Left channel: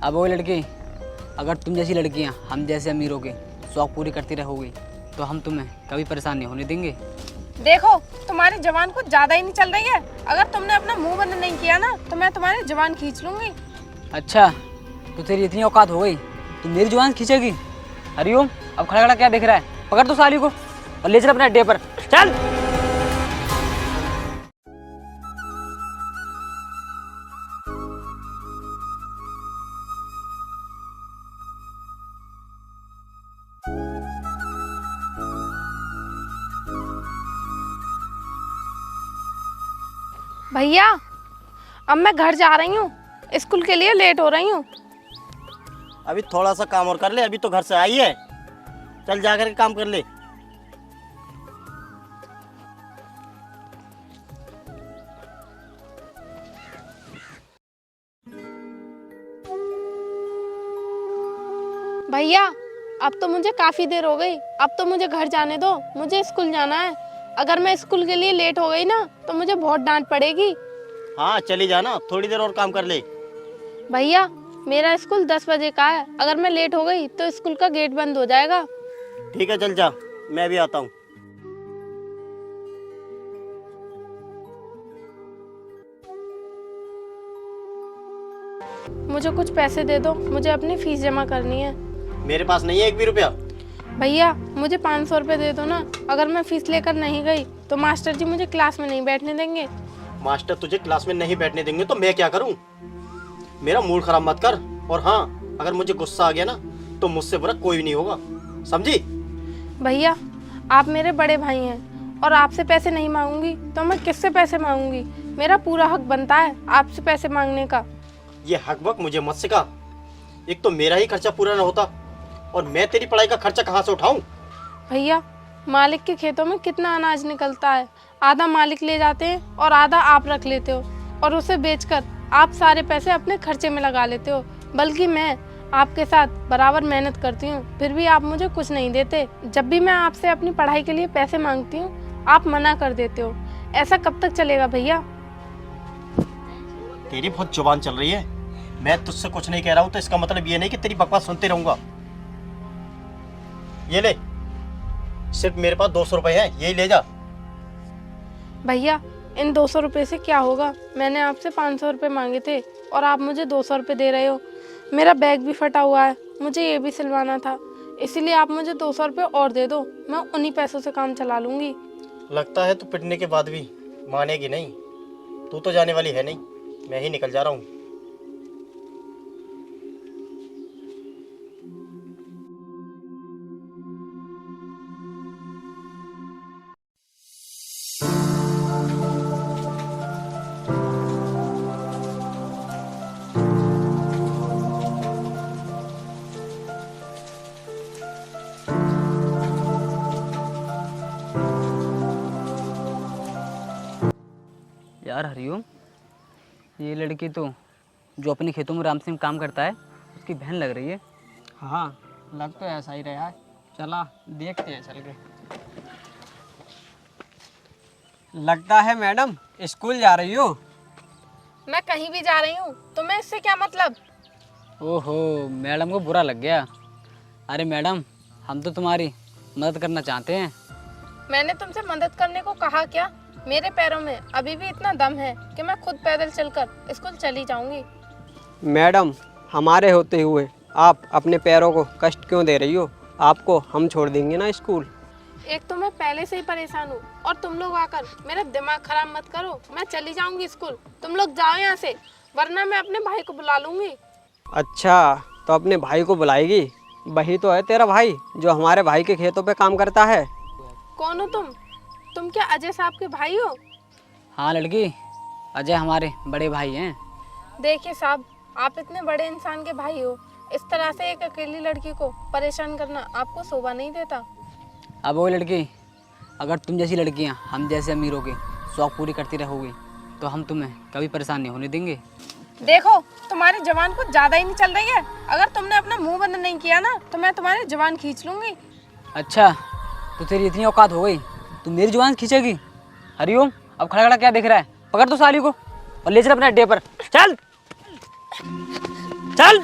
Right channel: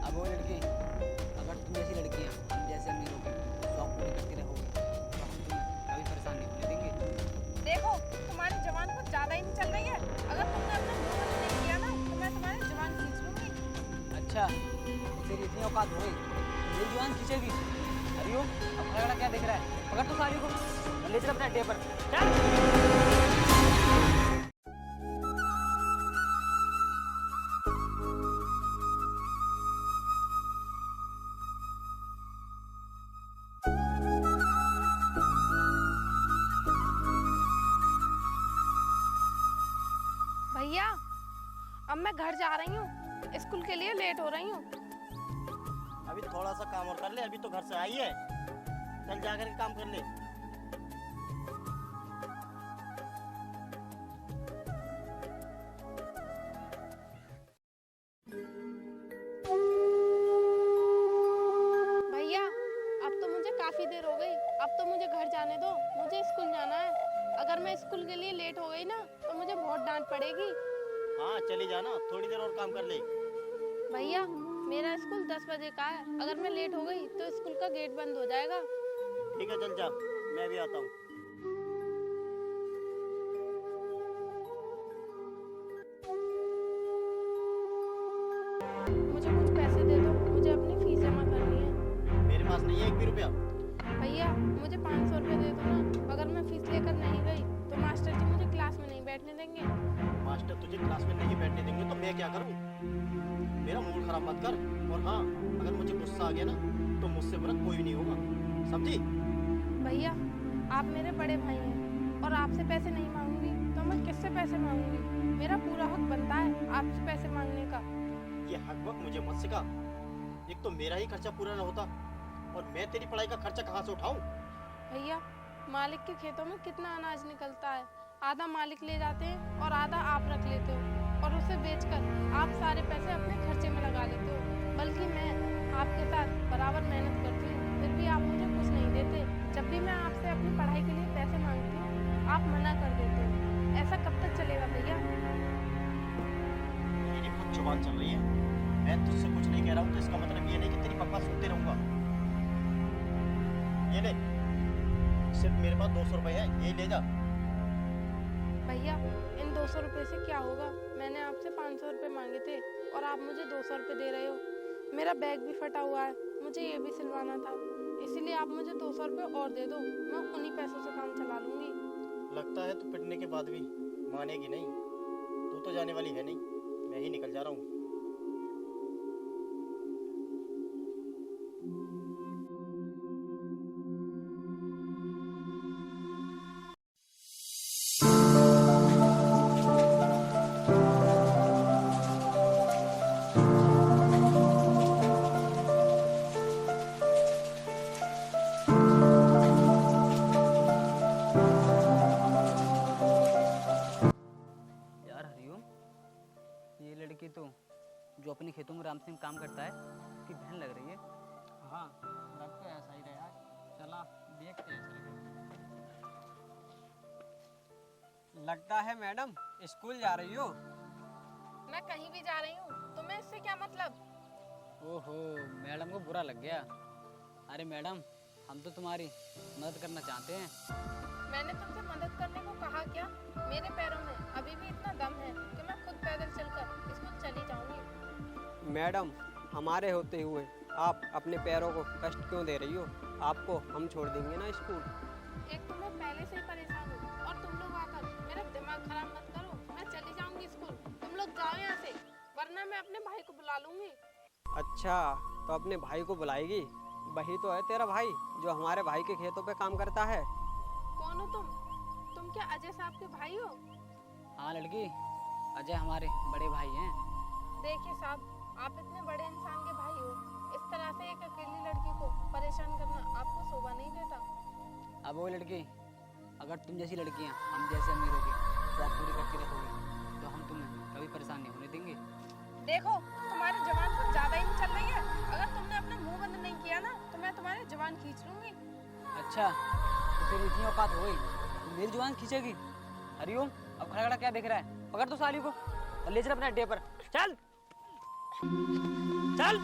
अब वो लड़की, अगर तुम जैसी लड़कियां हम जैसे अमीरों के शौक पूरी करती रहोगी तो हम तुम्हें कभी परेशान नहीं होने देंगे। देखो, तुम्हारी जवान कुछ ज्यादा ही नहीं चल रही है। अगर तुमने अपना मुंह बंद नहीं किया ना तो मैं तुम्हारी जवान खींच लूंगी। अच्छा, तो तेरी इतनी औकात हो गई तो मेरी जुबान खींचेगी? हरिओम, अब खड़ा खड़ा क्या दिख रहा है? पकड़ तो साली को और ले चल अपने अड्डे पर, चल। भैया, अब मैं घर जा रही हूँ, स्कूल के लिए लेट हो रही हूँ। अभी थोड़ा सा काम और कर ले, अभी तो घर से आई है। चल जा करके काम कर ले। भैया, अब तो मुझे काफी देर हो गई, अब तो मुझे घर जाने दो, मुझे स्कूल जाना है। अगर मैं स्कूल के लिए लेट हो गई ना तो मुझे बहुत डांट पड़ेगी। हाँ चली जाना, थोड़ी देर और काम कर ले। भैया, मेरा स्कूल 10 बजे का है, अगर मैं लेट हो गई तो स्कूल का गेट बंद हो जाएगा। ठीक है चल जा, मैं भी आता हूँ। मुझे कुछ पैसे दे दो, मुझे अपनी फीस जमा करनी है। मेरे पास नहीं है एक भी रुपया। भैया, मुझे 500 रुपये दे दो ना। अगर मैं फीस लेकर नहीं गई तो मास्टर जी मुझे क्लास में नहीं बैठने देंगे। मास्टर तुझे क्लास में नहीं बैठने देंगे तो मैं क्या करूँ? मेरा मूड खराब मत कर। और हाँ, अगर मुझे गुस्सा आ गया ना तो मुझसे बुरा कोई भी नहीं होगा, समझी? भैया, आप मेरे बड़े भाई हैं और आपसे पैसे नहीं मांगूंगी तो मैं किससे पैसे मांगूंगी? मेरा पूरा हक बनता है आपसे पैसे मांगने का। ये हक बक मुझे मत सिखा। एक तो मेरा ही खर्चा पूरा न होता और मैं तेरी पढ़ाई का खर्चा कहाँ से उठाऊं? भैया, मालिक के खेतों में कितना अनाज निकलता है, आधा मालिक ले जाते हैं और आधा आप रख लेते हो, और उसे बेचकर आप सारे पैसे अपने खर्चे में लगा लेते हो। बल्कि मैं आपके साथ बराबर मेहनत करती हूँ, फिर भी आप मुझे कुछ नहीं देते। जब भी मैं आपसे अपनी पढ़ाई के लिए पैसे मांगती हूँ आप मना कर देते हो। ऐसा कब तक चलेगा भैया? तेरी बहुत जुबान चल रही है। मैं तुझसे कुछ नहीं कह रहा हूँ तो इसका मतलब ये नहीं कि तेरी बकवास सुनते रहूंगा। ये ले, सिर्फ मेरे पास 200 रुपए हैं, यही ले जा। भैया, इन 200 रुपये से क्या होगा? मैंने आपसे 500 रुपये मांगे थे और आप मुझे 200 रुपये दे रहे हो। मेरा बैग भी फटा हुआ है, मुझे ये भी सिलवाना था, इसीलिए आप मुझे 200 रुपये और दे दो, मैं उन्हीं पैसों से काम चला लूँगी। लगता है तू पिटने के बाद भी मानेगी नहीं। तू तो जाने वाली है नहीं, मैं ही निकल जा रहा हूँ। यार हरिओम, ये लड़की तो जो अपने खेतों में राम सिंह काम करता है उसकी बहन लग रही है। हाँ, लग तो ऐसा ही रहा है। चला देखते हैं चल के। लगता है मैडम स्कूल जा रही हो। मैं कहीं भी जा रही हूँ, तुम्हें इससे क्या मतलब? ओहो, मैडम को बुरा लग गया। अरे मैडम, हम तो तुम्हारी मदद करना चाहते हैं। मैंने तुमसे मदद करने को कहा क्या? मेरे पैरों में अभी भी इतना दम है कि मैं खुद पैदल चलकर स्कूल चली जाऊंगी। मैडम, हमारे होते हुए आप अपने पैरों को कष्ट क्यों दे रही हो? आपको हम छोड़ देंगे ना स्कूल। एक तो मैं पहले से ही परेशान हूँ और तुम लोग आकर मेरा दिमाग खराब मत करो। मैं चली जाऊंगी स्कूल, तुम लोग जाओ यहाँ से, वरना मैं अपने भाई को बुला लूंगी। अच्छा, तो अपने भाई को बुलाएगी? वही तो है तेरा भाई जो हमारे भाई के खेतों पे काम करता है। कौन हो तुम? तुम क्या अजय साहब के भाई हो? हाँ लड़की, अजय हमारे बड़े भाई हैं। देखिए साहब, आप इतने बड़े इंसान के भाई हो, इस तरह से एक अकेली लड़की को परेशान करना आपको शोभा नहीं देता। अब वो लड़की, अगर तुम जैसी लड़कियां हम जैसे अमीरों के शौक पूरी करती रहोगी तो हम तुम्हें कभी परेशान नहीं होने देंगे। देखो, तुम्हारी जवान कुछ ज्यादा ही नहीं चल रही है। अगर तुमने अपना मुंह बंद नहीं किया ना तो मैं तुम्हारी जवान खींच लूंगी। अच्छा, तो तेरी इतनी औकात हो गई तो मेरी जुबान खींचेगी? हरिओम, अब खड़ा खड़ा क्या दिख रहा है? पकड़ तो साली को और ले चल अपने अड्डे पर, चल चल।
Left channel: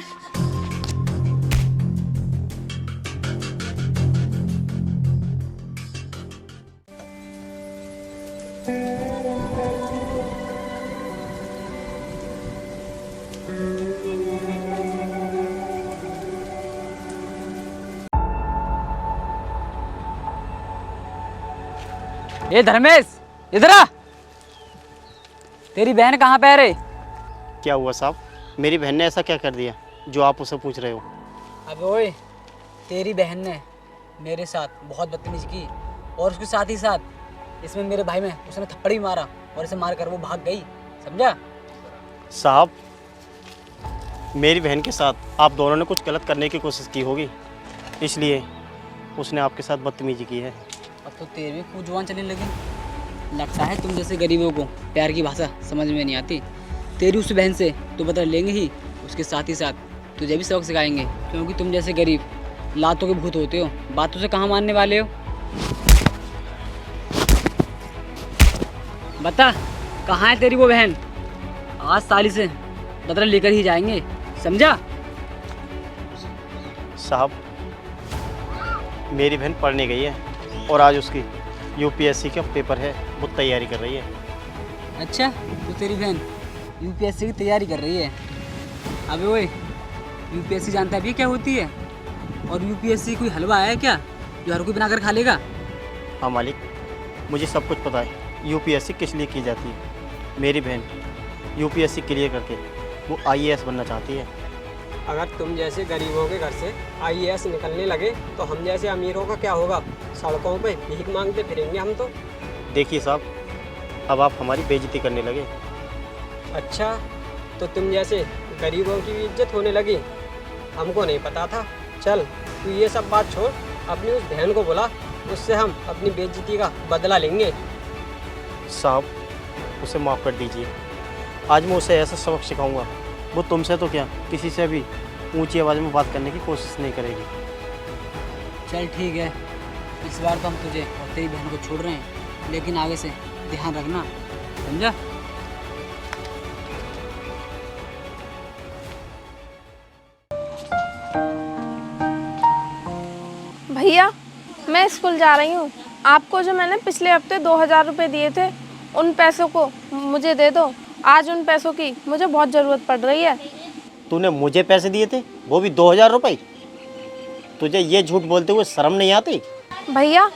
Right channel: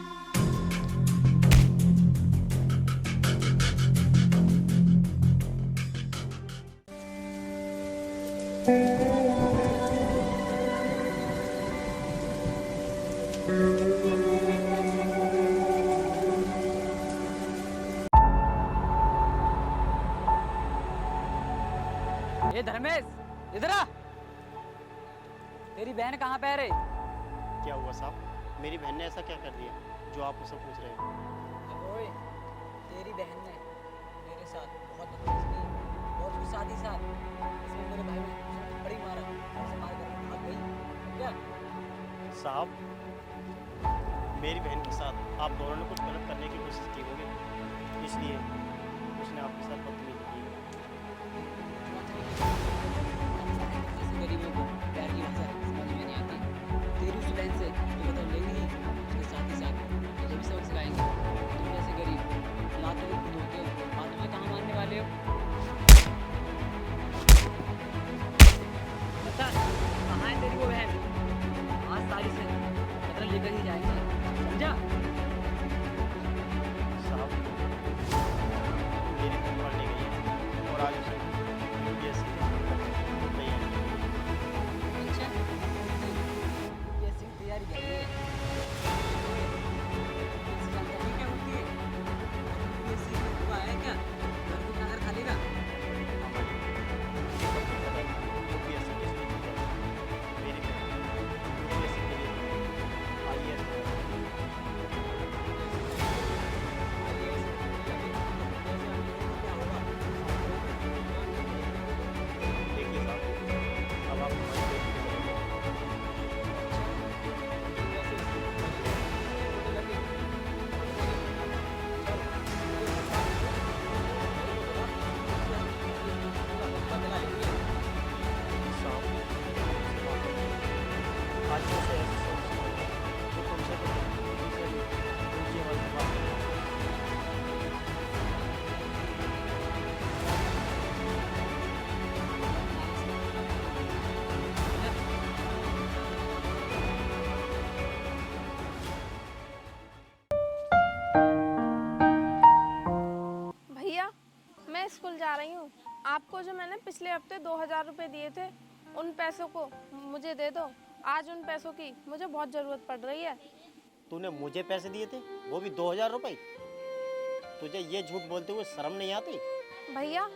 ए धर्मेश, इधर आ। तेरी बहन कहाँ पे है रे? क्या हुआ साहब? मेरी बहन ने ऐसा क्या कर दिया जो आप उसे पूछ रहे हो? अबे ओए, तेरी बहन ने मेरे साथ बहुत बदतमीजी की और उसके साथ ही साथ इसमें मेरे भाई में उसने थप्पड़ भी मारा और इसे मार कर वो भाग गई, समझा? साहब, मेरी बहन के साथ आप दोनों ने कुछ गलत करने की कोशिश की होगी, इसलिए उसने आपके साथ बदतमीजी की है। अब तो तेरे भी खूब जुबान चलने लगी। लगता है तुम जैसे गरीबों को प्यार की भाषा समझ में नहीं आती। तेरी उस बहन से तो बदला लेंगे ही, उसके साथ ही साथ तुझे भी सबक सिखाएंगे, क्योंकि तुम जैसे गरीब लातों के भूत होते हो, बातों से कहाँ मानने वाले हो। बता, कहाँ है तेरी वो बहन? आज साली से बदला लेकर ही जाएंगे, समझा? साहब, मेरी बहन पढ़ने गई है और आज उसकी यूपीएससी का पेपर है, वो तैयारी कर रही है। अच्छा, तो तेरी बहन यूपीएससी की तैयारी कर रही है। अबे ओए, यूपीएससी जानता है भी क्या होती है? और यूपीएससी कोई हलवा है क्या जो हर कोई बनाकर खा लेगा? हाँ मालिक, मुझे सब कुछ पता है यूपीएससी किस लिए की जाती है। मेरी बहन यूपीएससी क्लियर करके वो आईएएस बनना चाहती है। अगर तुम जैसे गरीबों के घर से आईएएस निकलने लगे तो हम जैसे अमीरों का क्या होगा? सड़कों पे भीख मांगते फिरेंगे हम तो। देखिए साहब, अब आप हमारी बेइज्जती करने लगे। अच्छा, तो तुम जैसे गरीबों की भी इज्जत होने लगी? हमको नहीं पता था। चल, तू ये सब बात छोड़, अपनी उस बहन को बुला, उससे हम अपनी बेइज्जती का बदला लेंगे। साहब, उसे माफ़ कर दीजिए। आज मैं उसे ऐसा सबक सिखाऊंगा, वो तुमसे तो क्या किसी से भी ऊंची आवाज़ में बात करने की कोशिश नहीं करेगी। चल ठीक है, इस बार तो हम तुझे और तेरी बहन को छोड़ रहे हैं, लेकिन आगे से ध्यान रखना, समझा? भैया, मैं स्कूल जा रही हूँ। आपको जो मैंने पिछले हफ्ते 2000 रुपये दिए थे, उन पैसों को मुझे दे दो। आज उन पैसों की मुझे बहुत ज़रूरत पड़ रही है। तूने मुझे पैसे दिए थे, वो भी 2000 रुपये? तुझे ये झूठ बोलते हुए शर्म नहीं आती? भैया,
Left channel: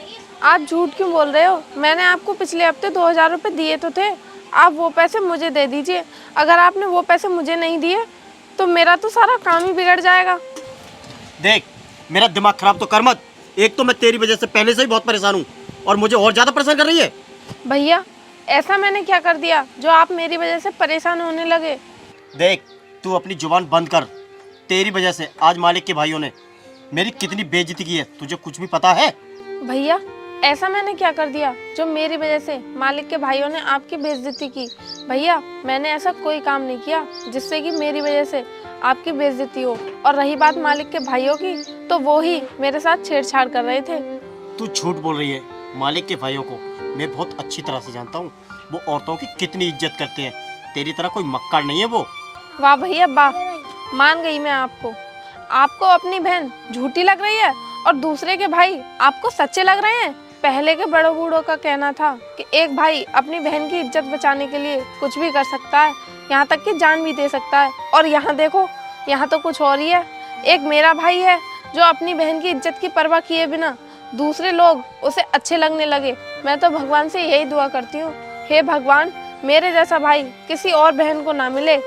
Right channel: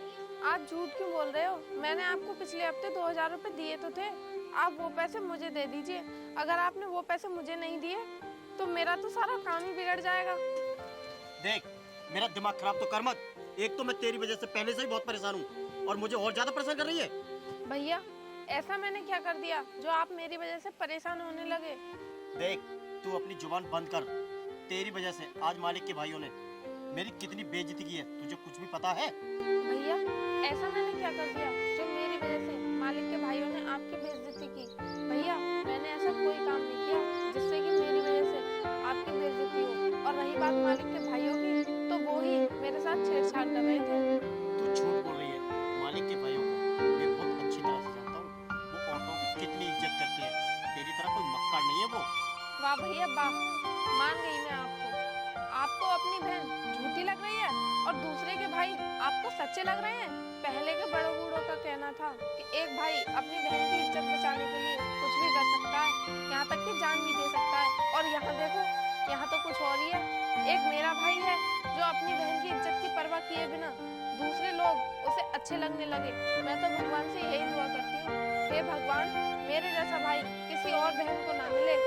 आप झूठ क्यों बोल रहे हो? मैंने आपको पिछले हफ्ते 2000 रुपये दिए तो थे। आप वो पैसे मुझे दे दीजिए। अगर आपने वो पैसे मुझे नहीं दिए तो मेरा तो सारा काम ही बिगड़ जाएगा। देख, मेरा दिमाग खराब तो कर मत। एक तो मैं तेरी वजह से पहले से ही बहुत परेशान हूँ और मुझे और ज़्यादा परेशान कर रही है। भैया, ऐसा मैंने क्या कर दिया जो आप मेरी वजह से परेशान होने लगे? देख, तू अपनी जुबान बंद कर। तेरी वजह से आज मालिक के भाइयों ने मेरी कितनी बेइज्जती की है, तुझे कुछ भी पता है? भैया, ऐसा मैंने क्या कर दिया जो मेरी वजह से मालिक के भाइयों ने आपकी बेइज्जती की? भैया, मैंने ऐसा कोई काम नहीं किया जिससे कि मेरी वजह से आपकी बेइज्जती हो। और रही बात मालिक के भाइयों की, तो वो ही मेरे साथ छेड़छाड़ कर रहे थे। तू झूठ बोल रही है। मालिक के भाइयों को मैं बहुत अच्छी तरह से जानता हूँ। वो औरतों की कितनी इज्जत करते हैं। तेरी तरह कोई मक्कार नहीं है वो। वाह भैया वाह, मान गई मैं आपको। आपको अपनी बहन झूठी लग रही है और दूसरे के भाई आपको सच्चे लग रहे हैं। पहले के बड़ों बूढ़ों का कहना था कि एक भाई अपनी बहन की इज्जत बचाने के लिए कुछ भी कर सकता है, यहाँ तक कि जान भी दे सकता है। और यहाँ देखो, यहाँ तो कुछ और ही है। एक मेरा भाई है जो अपनी बहन की इज्जत की परवाह किए बिना दूसरे लोग उसे अच्छे लगने लगे। मैं तो भगवान से यही दुआ करती हूँ, हे भगवान, मेरे जैसा भाई किसी और बहन को ना मिले।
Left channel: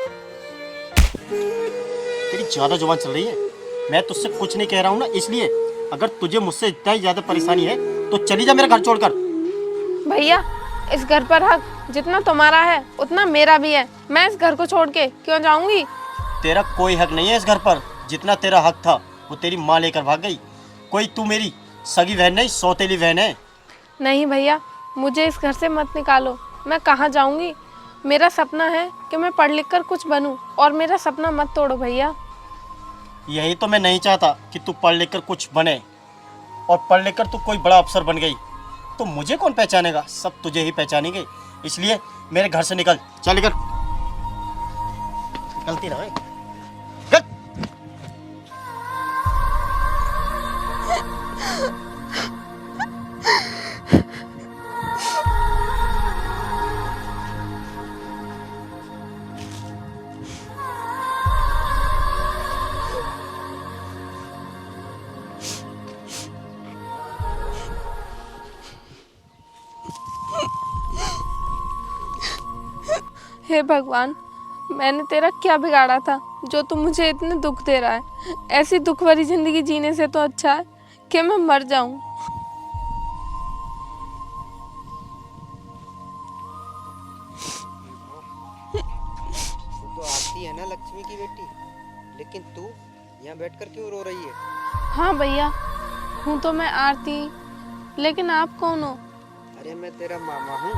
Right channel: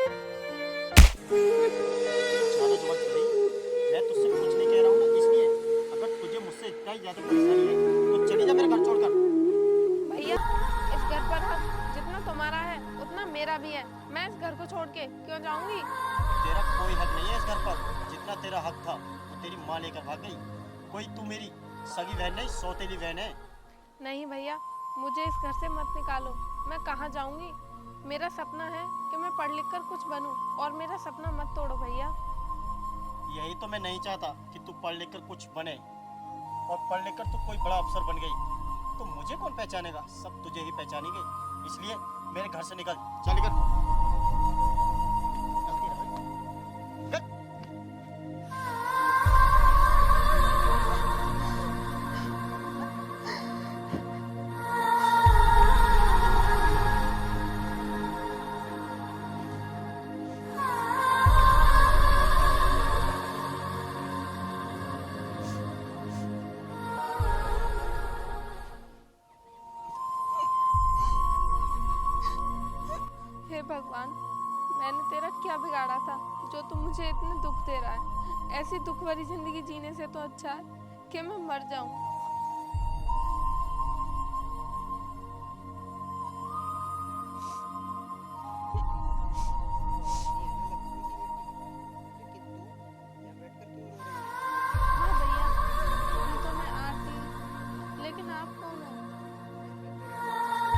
तेरी ज्यादा जुबान चल रही है। मैं तुझसे कुछ नहीं कह रहा हूँ ना, इसलिए अगर तुझे मुझसे इतना ही ज्यादा परेशानी है तो चली जा मेरे घर छोड़कर। भैया, इस घर पर हक जितना तुम्हारा है उतना मेरा भी है। मैं इस घर को छोड़ के क्यों जाऊंगी? तेरा कोई हक नहीं है इस घर पर। जितना तेरा हक था वो तेरी माँ लेकर भाग गई। कोई तू मेरी सगी बहन नहीं, सौतेली बहन है। नहीं भैया, मुझे इस घर से मत निकालो। मैं कहाँ जाऊंगी? मेरा सपना है कि मैं पढ़ लिख कर कुछ बनूं, और मेरा सपना मत तोड़ो भैया। यही तो मैं नहीं चाहता कि तू पढ़ लिख कर कुछ बने, और पढ़ लिख कर तू कोई बड़ा अफसर बन गई तो मुझे कौन पहचानेगा? सब तुझे ही पहचानेंगे। इसलिए मेरे घर से निकल। चल निकल। निकलती रहे। हे भगवान, मैंने तेरा क्या बिगाड़ा था जो तू मुझे इतने दुख दे रहा है। ऐसी दुख भरी जिंदगी जीने से तो अच्छा है कि मैं मर जाऊं। तो आरती है ना लक्ष्मी की बेटी, लेकिन तू यहाँ बैठकर क्यों रो रही है? हाँ भैया, हूँ तो मैं आरती, लेकिन आप कौन हो? अरे मैं तेरा मामा हूँ,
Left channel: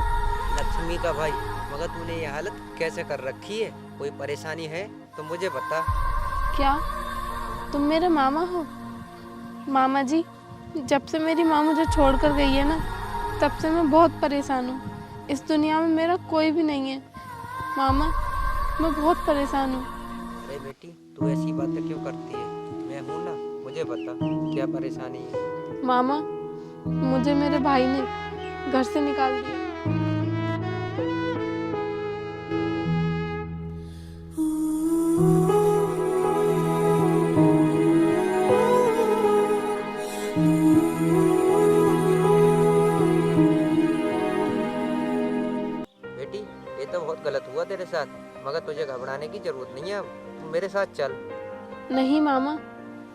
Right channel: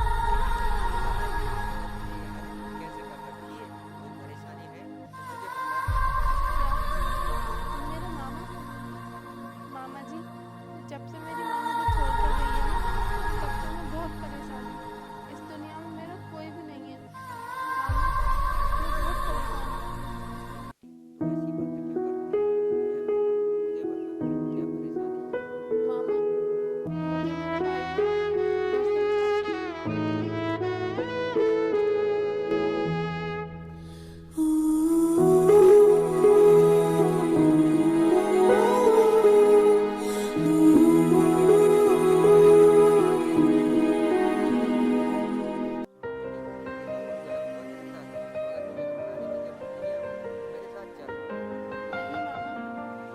लक्ष्मी का भाई। मगर तूने ये हालत कैसे कर रखी है? कोई परेशानी है तो मुझे बता। क्या तुम मेरे मामा हो? मामा जी, जब से मेरी माँ मुझे छोड़कर गई है ना, तब से मैं बहुत परेशान हूँ। इस दुनिया में मेरा कोई भी नहीं है मामा, मैं बहुत परेशान हूँ। अरे बेटी, तू ऐसी बातें क्यों करती है? मैं हूँ ना, मुझे बता क्या परेशानी है। मामा, मुझे मेरे भाई ने घर से निकाल दिया। बेटी, ये तो बहुत गलत हुआ तेरे साथ, मगर तुझे घबराने की जरूरत नहीं है। अब तू मेरे साथ चल। नहीं मामा,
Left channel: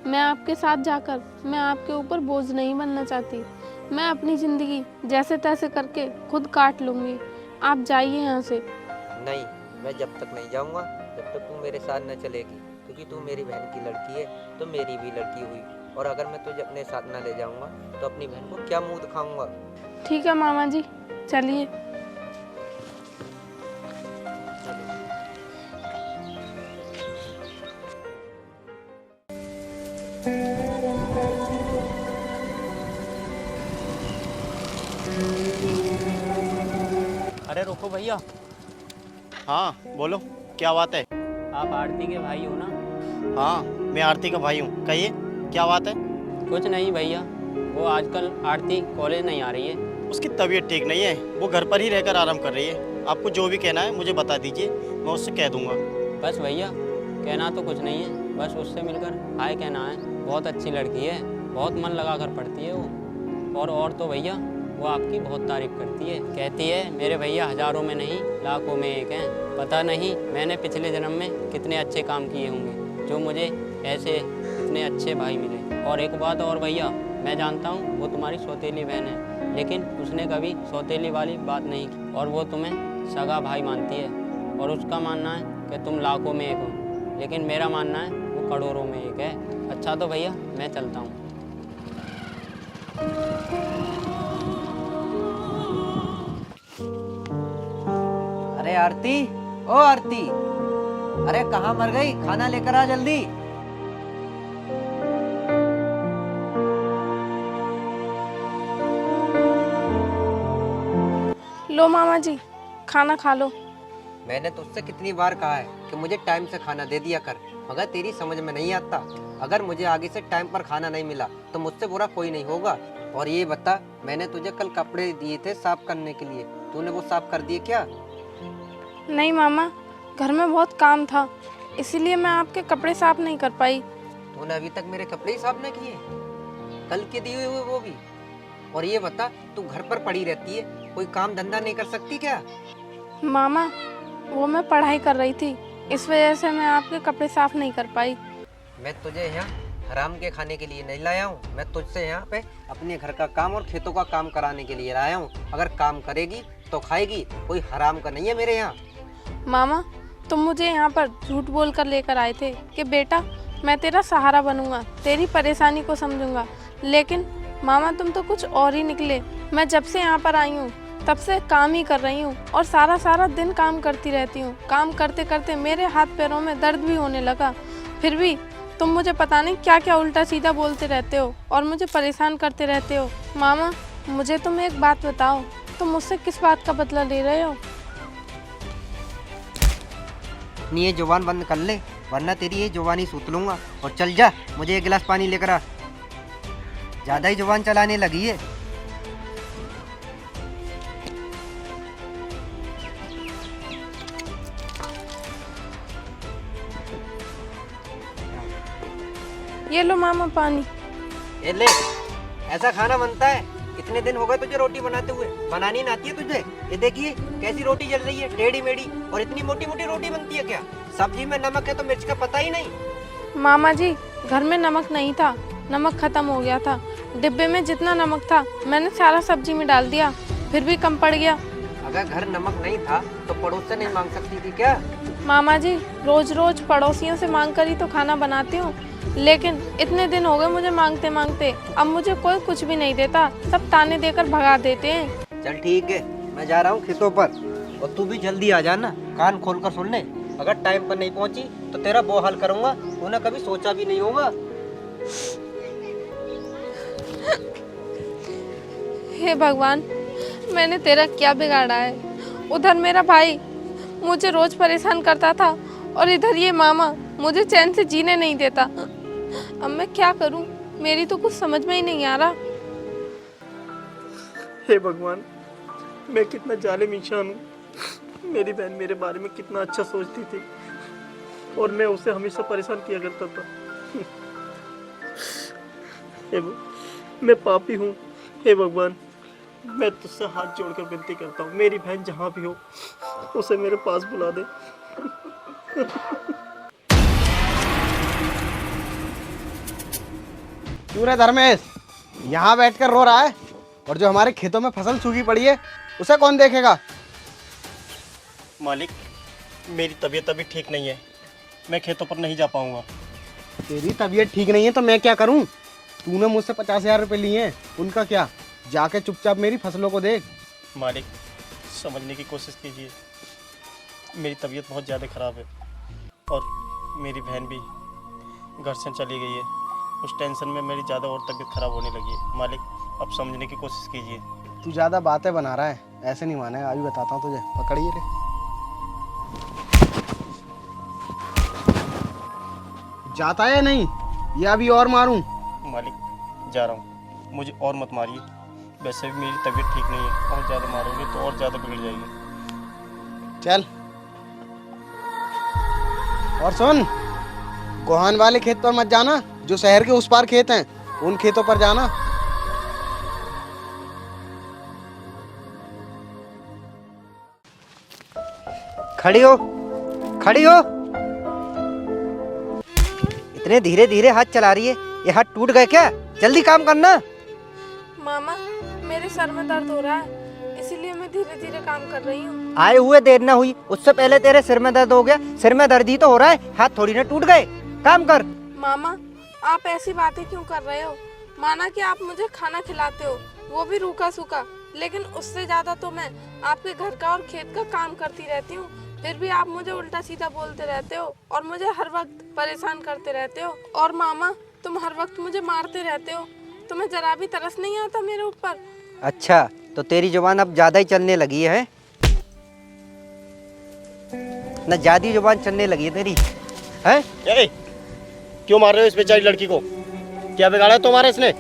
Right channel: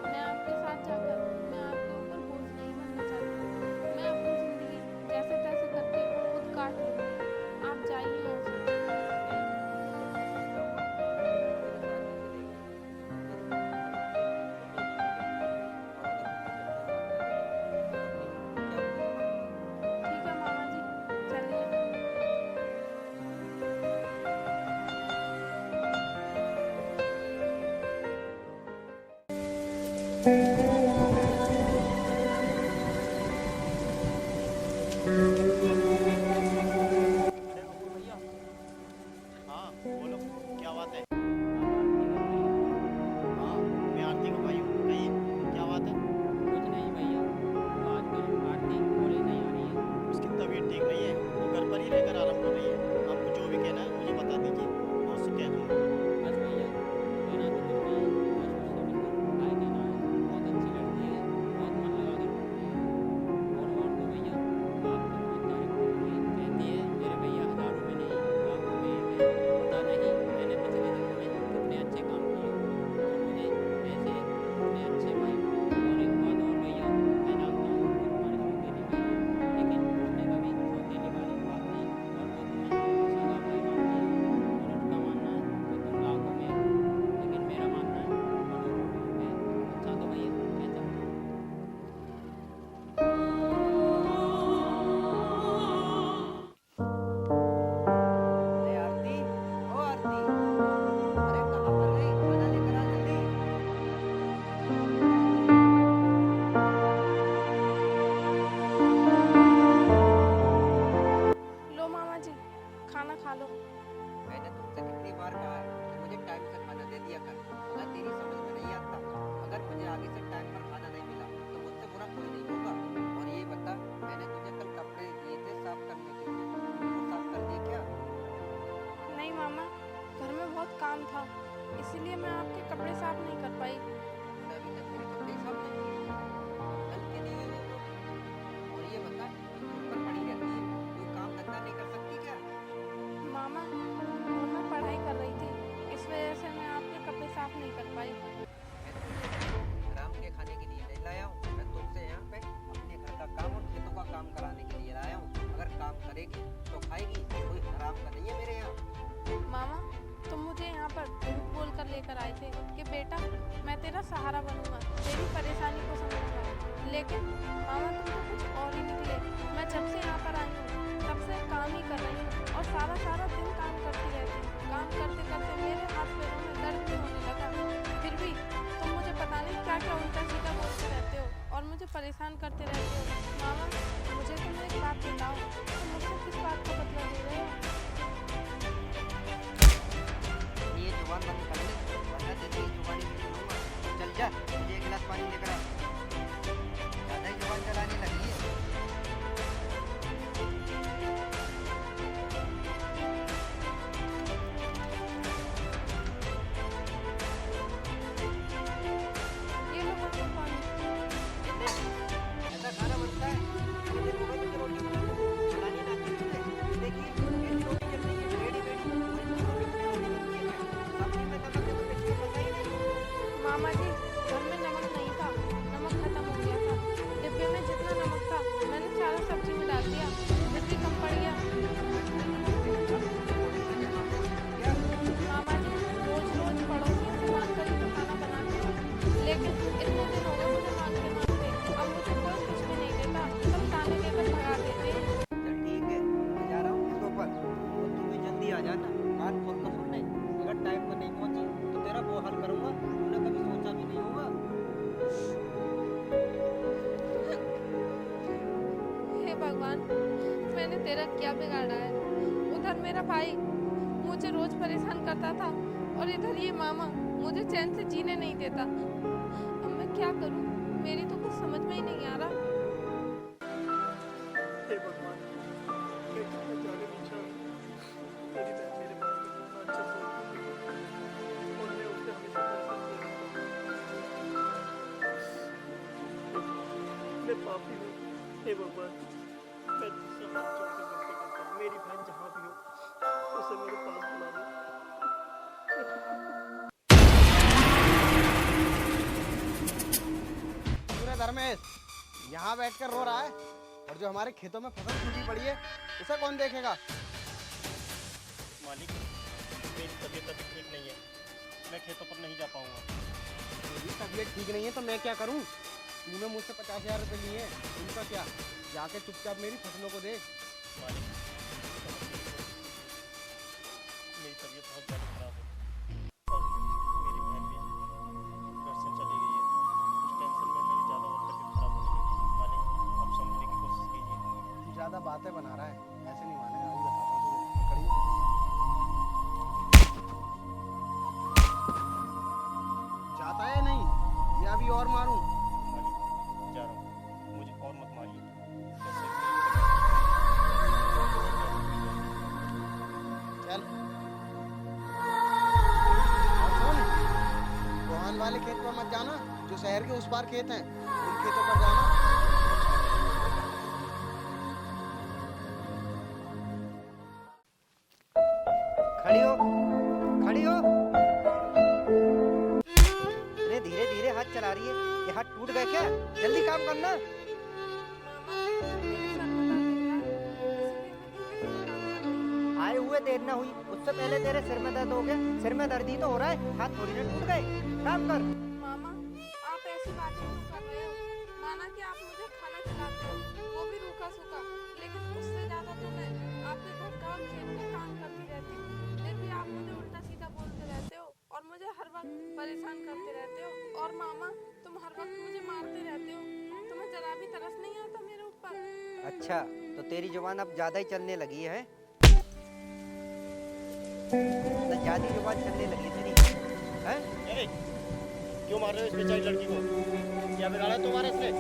मैं आपके साथ जाकर मैं आपके ऊपर बोझ नहीं बनना चाहती। मैं अपनी जिंदगी जैसे तैसे करके खुद काट लूंगी। आप जाइए यहाँ से। नहीं, मैं जब तक नहीं जाऊंगा तब तक तू मेरे साथ न चलेगी, क्योंकि तू मेरी बहन की लड़की है तो मेरी भी लड़की हुई। और अगर मैं तुझे अपने साथ न ले जाऊंगा तो अपनी बहन को क्या मुंह दिखाऊंगा? ठीक है मामा जी, चलिए। अरे रुको भैया। हाँ बोलो, क्या बात है? आप आरती के भाई हो ना? हाँ, मैं आरती का भाई हूँ। कहिए, क्या बात है? कुछ नहीं भैया, वो आजकल आरती कॉलेज नहीं आ रही है। उसकी तबीयत ठीक नहीं है, वो घर पर ही रहकर आराम कर रही है। आपको जो भी कहना है मुझे बता दीजिए, मैं उससे कह दूंगा। बस भैया, कहना तो कुछ नहीं है, बस उससे मिलकर हाय कहना है। बहुत अच्छी लड़की है, बहुत मन लगा कर पढ़ती है वो। और तो भैया, वो आपकी बहुत तारीफ करती है। कहती है मेरे भैया हज़ारों में नहीं लाखों में एक हैं। पता नहीं मैंने पिछले जन्म में कितने अच्छे काम किए होंगे जो मुझे ऐसे इतने अच्छे भाई मिले। और एक बात और भैया, मैं जानता हूँ वो तुम्हारी सौतेली बहन है, लेकिन उसने कभी सौतेली वाली बात नहीं की और वो तुम्हें सगा भाई मानती है। और उसका मानना है कि तुम लाखों में एक हो, लेकिन मेरा मानना है वो करोड़ों में एक है। अच्छा तो भैया, मैं चलता हूँ। अरे आरती, ओ आरती, अरे कहाँ मर गई? खाना लेकर आ जल्दी। लो मामा जी, खाना खा लो। मैंने तुझसे कितनी बार कहा है कि मुझे टाइम से खाना दे दिया कर, मगर तेरी समझ में नहीं आता। अगर मुझे आगे से टाइम पर खाना नहीं मिला तो मुझसे बुरा कोई नहीं होगा। और ये बता, मैंने तुझे कल कपड़े दिए थे साफ करने के लिए, तूने वो साफ कर दिए क्या? नहीं मामा, घर में बहुत काम था, इसीलिए मैं आपके कपड़े साफ नहीं कर पाई। तूने अभी तक मेरे कपड़े ही साफ नहीं किए, कल के दिए हुए वो भी। और ये बता, तू घर पर पड़ी रहती है, कोई काम धंधा नहीं कर सकती क्या? मामा, वो मैं पढ़ाई कर रही थी, इस वजह से मैं आपके कपड़े साफ नहीं कर पाई। मैं तुझे यहाँ हराम के खाने के लिए नहीं लाया हूँ, मैं तुझसे यहाँ पे अपने घर का काम और खेतों का काम कराने के लिए लाया हूँ। अगर काम करेगी तो खाएगी, कोई हराम का नहीं है मेरे यहाँ। मामा, तुम मुझे यहाँ पर झूठ बोल कर लेकर आए थे कि बेटा मैं तेरा सहारा बनूंगा, तेरी परेशानी को समझूंगा, लेकिन मामा तुम तो कुछ और ही निकले। मैं जब से यहाँ पर आई हूँ तब से काम ही कर रही हूँ और सारा दिन काम करती रहती हूँ। काम करते करते मेरे हाथ पैरों में दर्द भी होने लगा, फिर भी तुम मुझे पता नहीं क्या क्या उल्टा सीधा बोलते रहते हो और मुझे परेशान करते रहते हो। मामा, मुझे तुम एक बात बताओ, तुम मुझसे किस बात का बदला ले रहे हो? अपनी ये जुबान बंद कर ले, वरना तेरी ये जुबानी सूत लूंगा। और चल जा, मुझे एक गिलास पानी लेकर आ, ज्यादा ही जुबान चलाने लगी है। ये लो मामा पानी। ए ले, ऐसा खाना बनता है? कितने दिन हो गए तुझे रोटी बनाते हुए? बनानी ना आती है तुझे? ये देखिए कैसी रोटी जल रही है, टेढ़ी मेढ़ी, और इतनी मोटी मोटी रोटी बनती है क्या? सब्जी में नमक है तो मिर्च का पता ही नहीं। मामा जी, घर में नमक नहीं था, नमक खत्म हो गया था। डिब्बे में जितना नमक था मैंने सारा सब्जी में डाल दिया, फिर भी कम पड़ गया। अगर घर नमक नहीं था तो पड़ोस से नहीं मांग सकती थी क्या? मामा जी, रोज रोज पड़ोसियों से मांग कर ही तो खाना बनाती हूँ, लेकिन इतने दिन हो गए मुझे मांगते मांगते, अब मुझे कोई कुछ भी नहीं देता, सब ताने देकर भगा देते हैं। चल ठीक है, मैं जा रहा हूँ खेतों पर, और तू भी जल्दी आ जाना। कान खोल कर सुन ले, अगर टाइम पर नहीं पहुँची तो तेरा वो हाल करूँगा तूने कभी सोचा भी नहीं होगा। हे भगवान, मैंने तेरा क्या बिगाड़ा है? उधर मेरा भाई मुझे रोज परेशान करता था, और इधर ये मामा मुझे चैन से जीने नहीं देता। अब मैं क्या करूं? मेरी तो कुछ समझ में ही नहीं आ रहा। हे भगवान, मैं कितना जालिम इंसान हूँ। मेरी बहन मेरे बारे में कितना अच्छा सोचती थी, और मैं उसे हमेशा परेशान किया करता था। मैं पापी हूँ। हे भगवान, मैं तुझसे हाथ जोड़कर विनती करता हूँ, मेरी बहन जहाँ भी हो उसे मेरे पास बुला दे। क्यों रे धर्मेश, यहाँ बैठकर रो रहा है? और जो हमारे खेतों में फसल सूखी पड़ी है उसे कौन देखेगा? मालिक, मेरी तबीयत अभी ठीक नहीं है, मैं खेतों पर नहीं जा पाऊंगा। तेरी तबीयत ठीक नहीं है तो मैं क्या करूं? तूने मुझसे 50,000 रुपये लिए हैं, उनका क्या? जाके चुपचाप मेरी फसलों को देख। मालिक, समझने की कोशिश कीजिए, मेरी तबीयत बहुत ज़्यादा ख़राब है, और मेरी बहन भी घर से चली गई है। उस टेंशन में मेरी ज़्यादा और तबीयत ख़राब होने लगी है। मालिक, अब समझने की कोशिश कीजिए। तू ज़्यादा बातें बना रहा है, ऐसे नहीं मानेगा। अभी बताता हूँ तुझे, पकड़िए ले। जाता है नहीं या अभी और मारूं? मालिक, जा रहा हूँ, मुझे और मत मारिए। वैसे भी मेरी तबीयत ठीक नहीं है, और ज़्यादा मारोगे तो और ज़्यादा बिगड़ जाएगी। चल। और सुन, कोहान वाले खेत पर मत जाना, जो शहर के उस पार खेत हैं उन खेतों पर जाना। खड़ी हो, खड़ी हो। इतने धीरे धीरे हाथ चला रही है, ये हाथ टूट गए क्या? जल्दी काम करना। मामा, मेरे सर में दर्द हो रहा है, इसीलिए मैं धीरे धीरे काम कर रही हूँ। आए हुए देर ना हुई, उससे पहले तेरे सिर में दर्द हो गया। सिर में दर्द ही तो हो रहा है, हाथ थोड़ी ना टूट गए। काम कर। मामा, आप ऐसी बातें क्यों कर रहे हो? माना कि आप मुझे खाना खिलाते हो, वो भी रूखा सूखा, लेकिन उससे ज्यादा तो मैं आपके घर का और खेत का काम करती रहती हूँ, फिर भी आप मुझे उल्टा सीधा बोलते रहते हो और मुझे हर वक्त परेशान करते रहते हो। और मामा, तुम हर वक्त मुझे मारते रहते हो, तुम्हें जरा भी तरस नहीं आता मेरे ऊपर? अच्छा, तो तेरी जुबान अब ज्यादा ही चलने लगी है ना? ज्यादा जुबान चलने लगी है तेरी, है? ए, क्यों मार रहे हो इस बेचारी लड़की को? क्या बिगाड़ा है तुम्हारे इसने?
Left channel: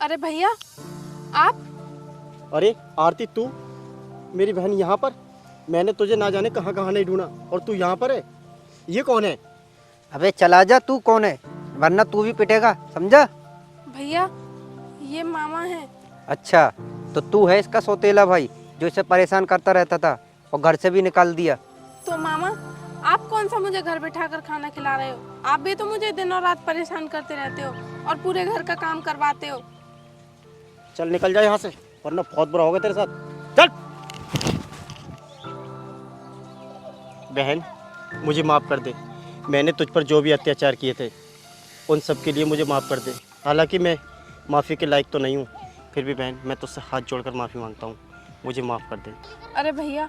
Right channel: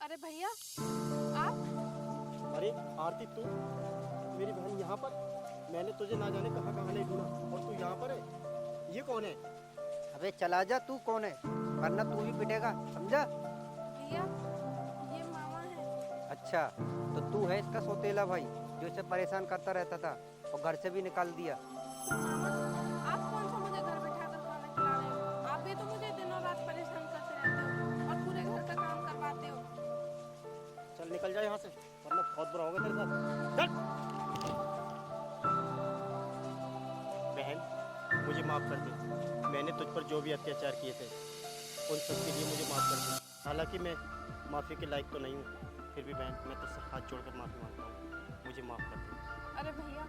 अरे भैया, आप? अरे आरती, तू? मेरी बहन यहाँ पर? मैंने तुझे ना जाने कहाँ कहाँ नहीं ढूंढा, और तू यहाँ पर है? ये कौन है? अबे चला जा, तू कौन है? वरना तू भी पिटेगा, समझा? भैया, ये मामा है। अच्छा, तो तू है इसका सौतेला भाई जो इसे परेशान करता रहता था और घर से भी निकाल दिया। तो मामा, आप कौन सा मुझे घर बैठा कर खाना खिला रहे हो? आप भी तो मुझे दिन और रात परेशान करते रहते हो और पूरे घर का काम करवाते हो। चल निकल जा यहाँ से, वरना बहुत बुरा होगा तेरे साथ। चल। बहन, मुझे माफ़ कर दे। मैंने तुझ पर जो भी अत्याचार किए थे उन सब के लिए मुझे माफ़ कर दे। हालांकि मैं माफ़ी के लायक तो नहीं हूँ, फिर भी बहन मैं तुझसे हाथ जोड़कर माफ़ी मांगता हूँ, मुझे माफ़ कर दे। अरे भैया,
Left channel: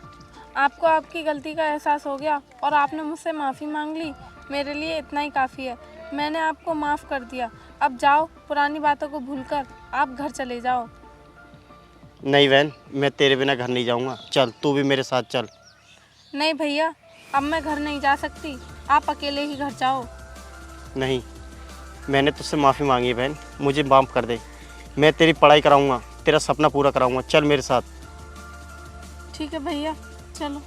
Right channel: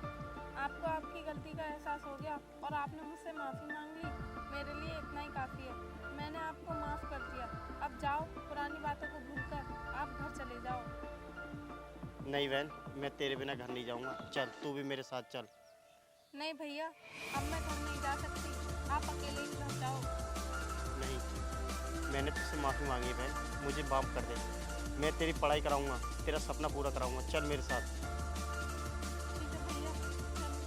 आपको आपकी गलती का एहसास हो गया और आपने मुझसे माफ़ी मांग ली, मेरे लिए इतना ही काफ़ी है। मैंने आपको माफ़ कर दिया, अब जाओ, पुरानी बातों को भूलकर आप घर चले जाओ। नहीं बहन, मैं तेरे बिना घर नहीं जाऊँगा। चल, तू भी मेरे साथ चल। नहीं भैया, अब मैं घर नहीं जा सकती, आप अकेले ही घर जाओ। नहीं, मैंने तुझसे माफ़ी मांगी है बहन, मुझे माफ़ कर दे। मैं तेरी पढ़ाई कराऊँगा, तेरा सपना पूरा कराऊँगा। चल मेरे साथ। ठीक है भैया, चलो।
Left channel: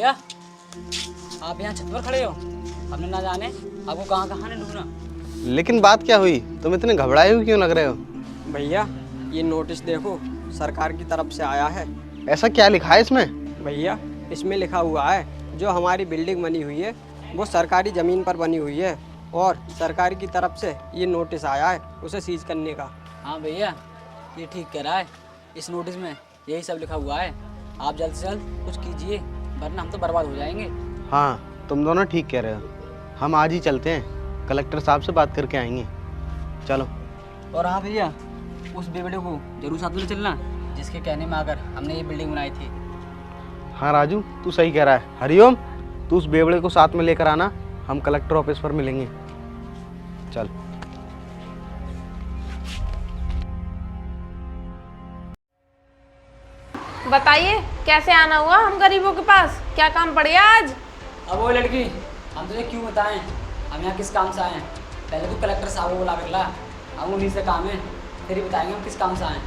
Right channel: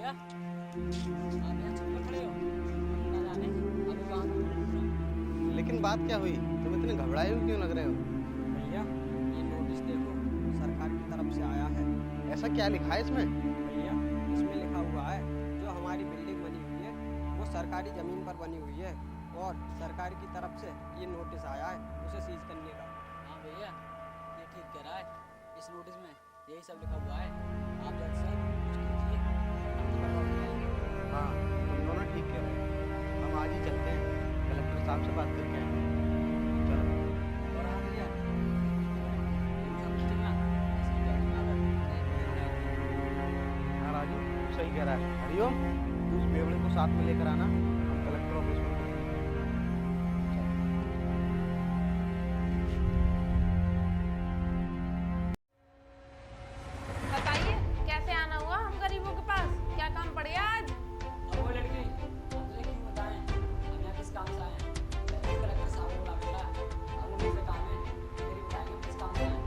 भैया आप यहाँ छत पर खड़े हो, हमने ना जाने आपको कहाँ कहाँ ने ढूंढा। लेकिन बात क्या हुई? तुम इतने घबराए हुए क्यों लग रहे हो? भैया ये नोटिस देखो, सरकार की तरफ से आया है। ऐसा क्या लिखा है इसमें? भैया इसमें लिखा हुआ है जो हमारी बिल्डिंग बनी हुई है वो सरकारी ज़मीन पर बनी हुई है और सरकार की तरफ से ये नोटिस आया है उसे सीज करने का। हाँ भैया ये ठीक कह रहा है, इस नोटिस में यही सब लिखा हुआ है। आप जल्द से जल्द कुछ कीजिए वरना हम तो बर्बाद हो जाएंगे। हाँ तुम दोनों ठीक कह रहे हो, हम आज ही चलते हैं, कलेक्टर साहब से बात करके आएंगे। चलो। और हाँ भैया उस बेवड़े को जरूर साथ में चलना जिसके कहने में आकर हमने ये बिल्डिंग बनाई थी। हाँ राजू तू सही कह रहा है। हरिओम तू उस बेवड़े को साथ में लेकर आना, हम कलेक्टर ऑफिस पर मिलेंगे। चल। बताइए कैसे आना हुआ हम गरीबों के पास, क्या काम पड़ गया आज? अब वो लड़की हम तुझे क्यों बताएं हम यहाँ किस काम से आए हैं? पहले तो कलेक्टर साहब को बुला कर ला, हम उन्हीं से काम है, फिर ही बताएंगे हम किस काम से आए हैं।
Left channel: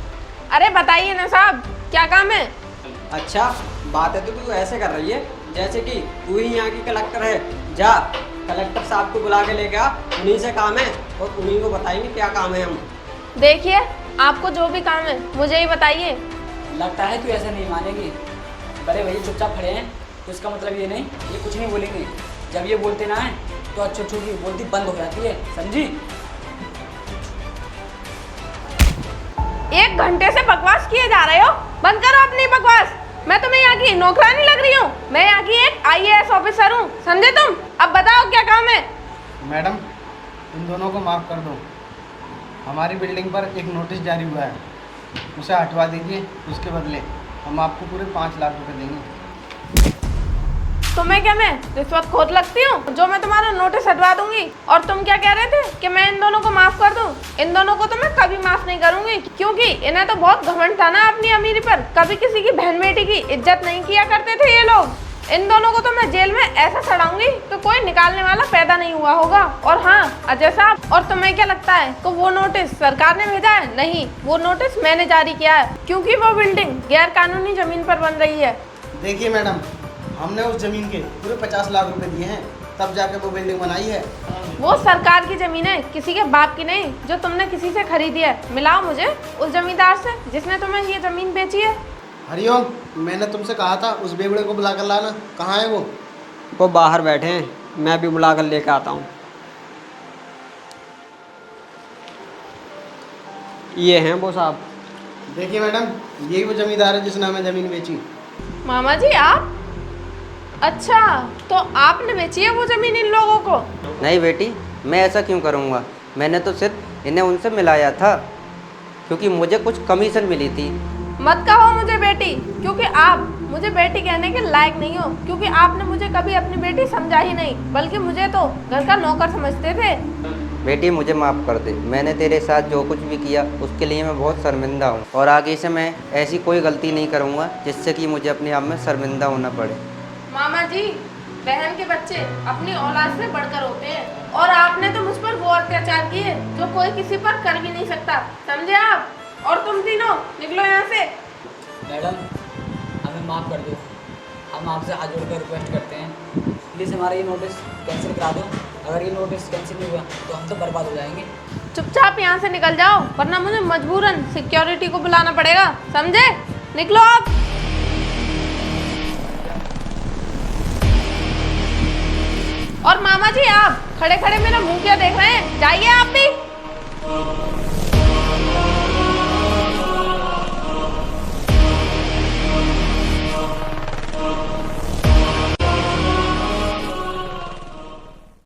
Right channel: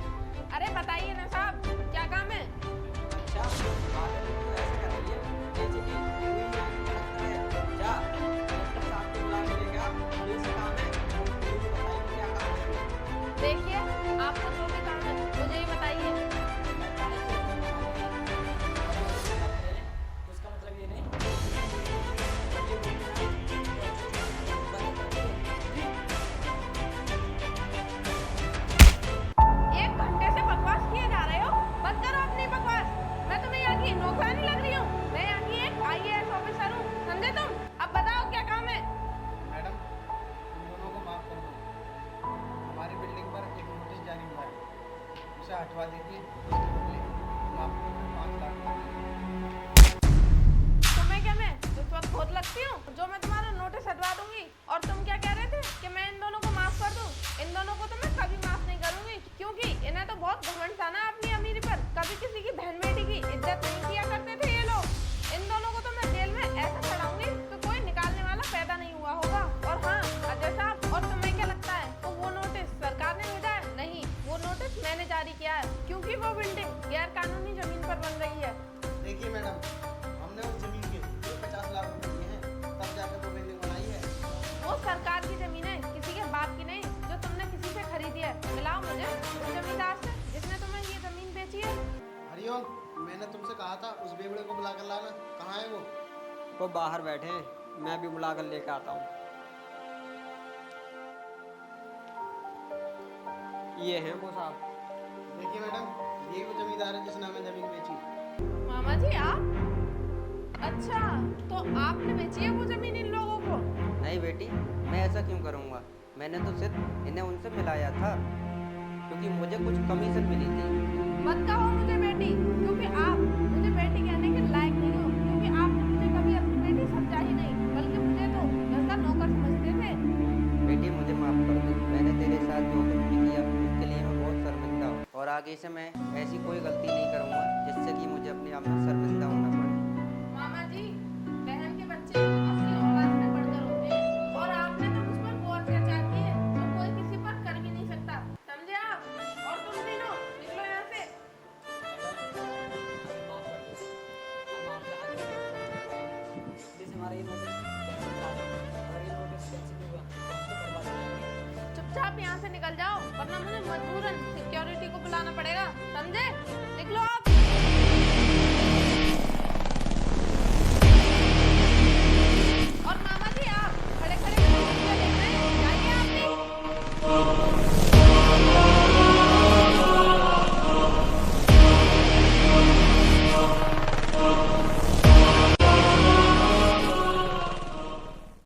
अरे बताइए ना साहब क्या काम है? अच्छा बात है तो तू ऐसे कर रही है जैसे कि तू ही यहाँ की कलेक्टर है। जा कलेक्टर साहब को बुला के लेके आ, उन्हीं से काम है और उन्हीं को बताएंगे क्या काम है हम। देखिए आपको जो भी काम है मुझे ही बताइए। लगता है तू ऐसा नहीं मानेगी। बड़े भैया चुपचाप खड़े हैं तो इसका मतलब ये नहीं ये कुछ नहीं बोलेंगे। जब ये बोलते ना है तो अच्छी छोटी बोलती बंद हो जाती है, समझी? 1 घंटे से बकवास किए जा रहे हो, बंद करो अपनी बकवास। मैं तुम्हें यहाँ की नौकरानी लग रही हूँ? मैं यहाँ की एक IAS ऑफिसर हूँ, समझे तुम? अब बताओ क्या काम है? मैडम तुम दोनों को माफ़ कर दो, हमारी बिल्डिंग पर एक नोटिस जारी हुआ है, उसे हटवा दीजिए। उसके बदले हम आपको पूरे 5 लाख रुपए देंगे। तुम्हें क्या मैं रिश्वतखोर लगती हूँ जो मैं तुम्हारा नोटिस हटवा दूंगी? और तुम क्या कह रहे थे कि मैं इन दोनों को माफ कर दूं? इन दोनों को तो मैं कभी माफ नहीं करूंगी, क्योंकि इन्हें तो बहुत घमंड था ना अपनी अमीरी पर। कभी किसी की बहन बेटी की इज्जत नहीं किया करते थे ये लोग। इन दोनों को तो मैं जेल में ऐसा सड़ाऊंगी तो कोई निकालने वाला पैदा नहीं हुआ होगा। और हाँ अजय साहब, और तुम्हें क्या लगता है तो वो नोटिस सरकार ने भेजा है? नहीं, वो नोटिस मैंने जारी किया है, क्योंकि वो बिल्डिंग गैर कानूनी जमीन पर बन रही है। देखिए मैडम, हमने उस जमीन के पूरे 50 लाख रुपए दिए हैं, तब जाके वो बिल्डिंग बनाई है। वो सरकार की जमीन है, किसी के बाप की नहीं, जो तुमने किसी से खरीदी है। मिलाओ मुझे उस जमींदार से जिसने तुम्हें ये जमीन बेची है। हरिओम मैंने तुमसे कहा था उस बेवड़े को बुला कर लाना, कहाँ है वो? वो बाहर बैठे हैं, मैं भी बुला कर लेके आता हूँ। ये हैं वो साहब। देखिए मैडम, यही वो जमींदार है जिसने हमें ज़मीन बेची। मामा जी आप? अच्छा तो आपने बेची है वो जमीन इन लोगों को? नहीं बेटी, मैं ऐसा क्यों करूँगा। मैंने तो सिर्फ इन्हें उनसे मिलाया था क्योंकि मुझे कुछ कमीशन मिली थी। मत कहो मुझे बेटी, क्योंकि आप मुझे बेटी कहने के लायक नहीं हो, क्योंकि आपने मुझे कभी अपनी बेटी समझा ही नहीं, बल्कि मुझे तो घर का नौकर समझते थे। बेटी मुझे माफ़ कर दे, मैंने तेरे साथ जो कुछ भी किया उसके लिए मैं बहुत शर्मिंदा हूँ और आगे से मैं ऐसी कोई गलती नहीं करूँगा जिससे कि मुझे अपने आप में शर्मिंदा होना पड़े। मामा जी, बहन के बच्चे अपनी औलाद से बढ़कर होते हैं, और आपने तो मुझ पर वो अत्याचार किए जो कोई किसी पर कर भी नहीं सकता, समझे आप? और तुम तीनों निकलो यहाँ से। मैडम हमें माफ़ कर दो, हम आपसे हाथ जोड़ कर रिक्वेस्ट करते हैं, प्लीज़ हमारा ये नोटिस कैंसिल करा दो। अगर ये नोटिस कैंसिल नहीं हुआ तो हम तो बर्बाद हो जाएंगे। चुपचाप यहाँ से निकल जाओ, वरना मुझे मजबूरन सिक्योरिटी को बुलाना पड़ेगा, समझे? निकलो आप। और मामा जी आप खड़े खड़े मेरा मुंह क्या देख रहे हैं? जाइए आप भी।